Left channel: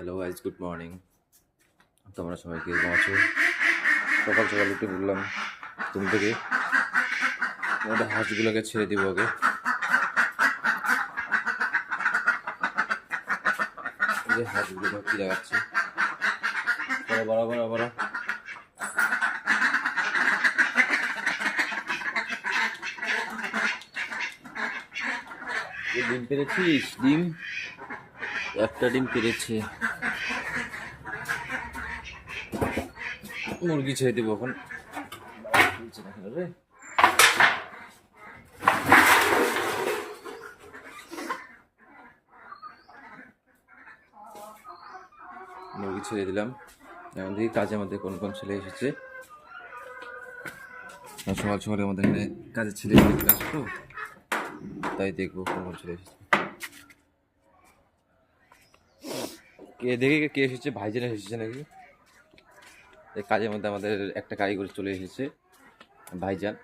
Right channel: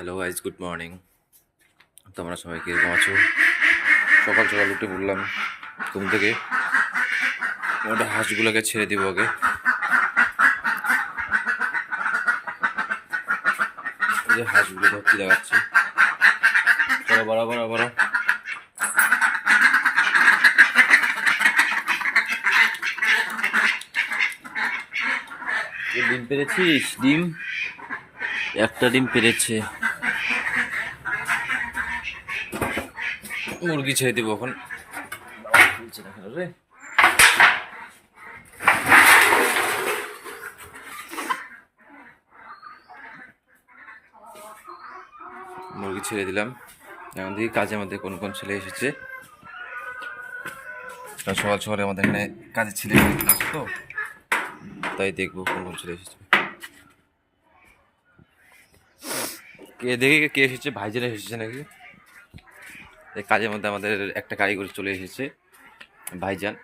Hello guys, good morning. তোমরা সবাই কীরকম আছো? সকাল সকাল উঠে বললাম ঘুম থেকে, ওটা হাঁসগুলোকে ছেড়ে দিব আগে। এই যে হাঁসগুলো ধরতে দেখাচ্ছি, বরাবর আবারও ডিম পেরেছিস? ডিম একটা ডিম পেরেছে। মুরগি ছেড়ে দিব এখন। রে মুরগি ছেড়ে দিলাম। এখন দেখি কাজের মধ্যে কোন কোন ছেলে এসেছে। সকাল সকালে আমাদের এখানে কাজের ছেলে আছে তো, তাই দেখবো কোন কোন ছেলে এসেছে। দেখি কে এসেছে, ভাইজান এসেছে নাকি। এই কাজের মধ্যে আমাদের একটা কারিগর চলে এসেছে, ভাইজান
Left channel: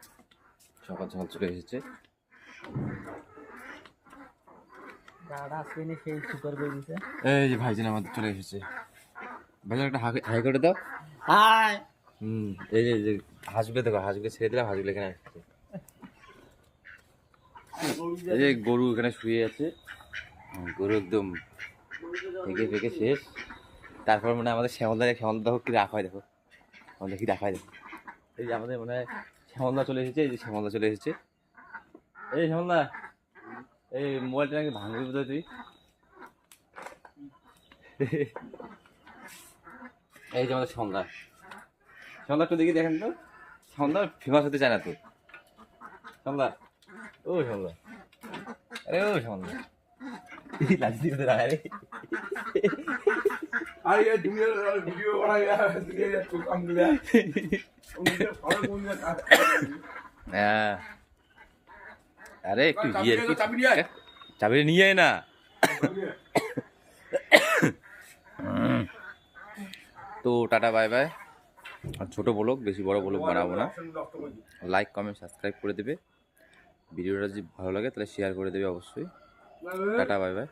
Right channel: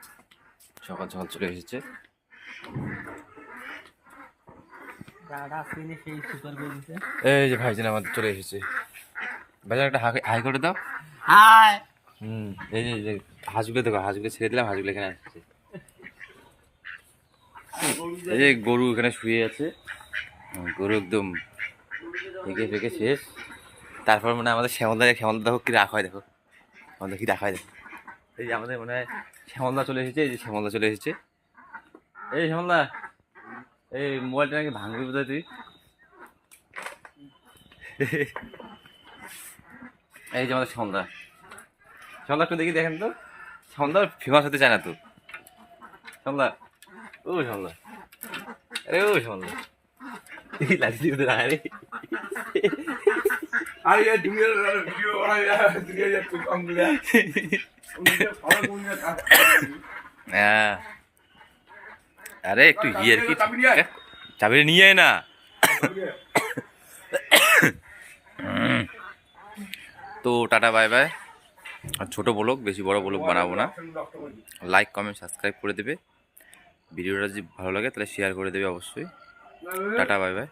সকাল সকাল চলে এসেছে। এই যে ভাইজান আমাদের চলে এসেছে। ভাইজান একটা হাই করে দাও। হাই। এই যে হাঁসগুলো দেখো, হাঁসগুলো ছেড়ে দিলাম, হাঁসগুলো এখানে আসছে। এই যে গরু এখানে শুয়ে আছে, গরু একদম ফেঁকে শেষ। তারপর মানে আমাদের শ্যামলদা দেখো কি রাখ হয়, দেখো আমাদের কি রাখা হয় দেখো। এই যে আমাদের মনে হয় শ্যামলদা চলে এসেছে। এই যে শ্যামলদা চলে এসেছে। এই শ্যামলদা, এই মোবাইলটা নাকি ভাঙবি বোধহয় তুই। এই যে আমাদের শ্যামলদা একটু দেখি, দেখেন তো। শ্যামলদা ফেমাস হতে চায় না তো। শ্যামলদা, ও শ্যামলদা, আরে ও শ্যামলদা, লাঠি দিয়ে দাঁড়া রে। আরে একটু ইয়ের কি চাবি নিয়ে আয় না। তো টাটা বাই বাই। আর ছোটো ব্লগ, বেশি বড় ব্লগ বানাবো না। লাইক কমেন্ট সাবস্ক্রাইব করে দেবে। ভিডিওটা যদি ভালো লাগে তাহলে শেয়ার করে দেবে অবশ্যই। Tata bye bye.